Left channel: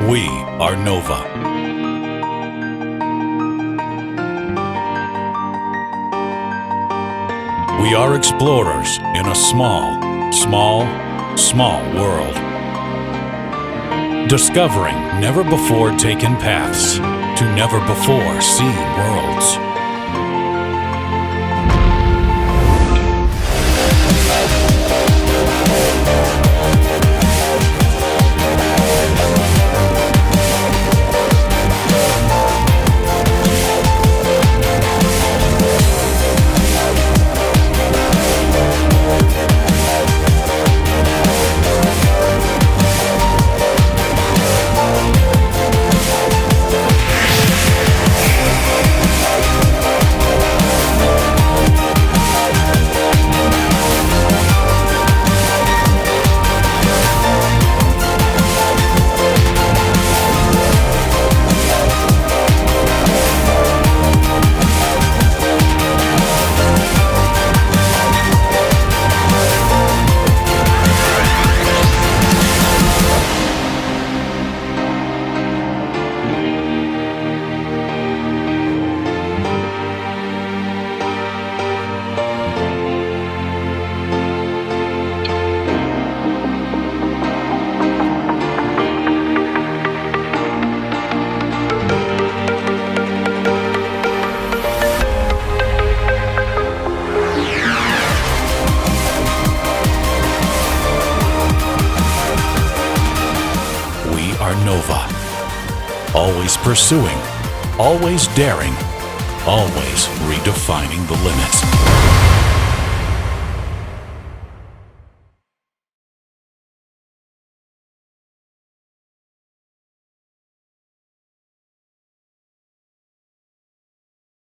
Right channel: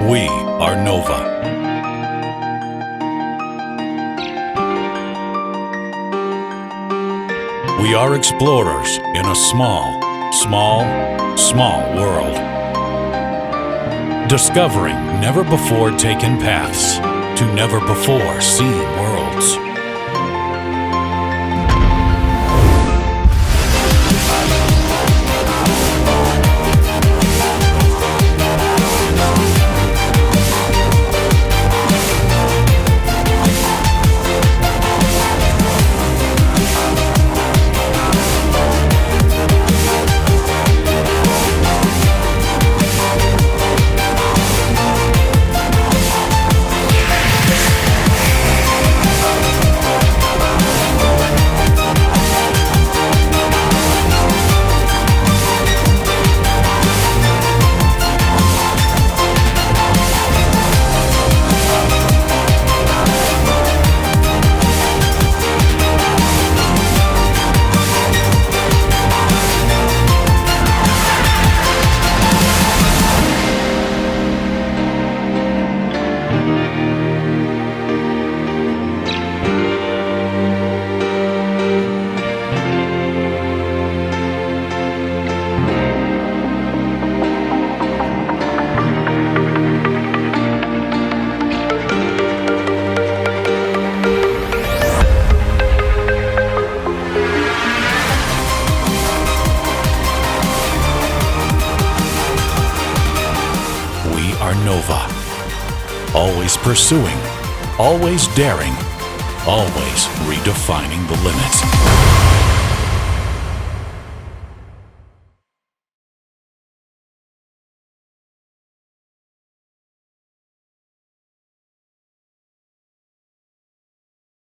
We are Nova. We are explorers in a small world. Discovering never-before-taken paths to never-before-seen worlds. We are Nova. Always pursuing, always daring, always redefining the limits.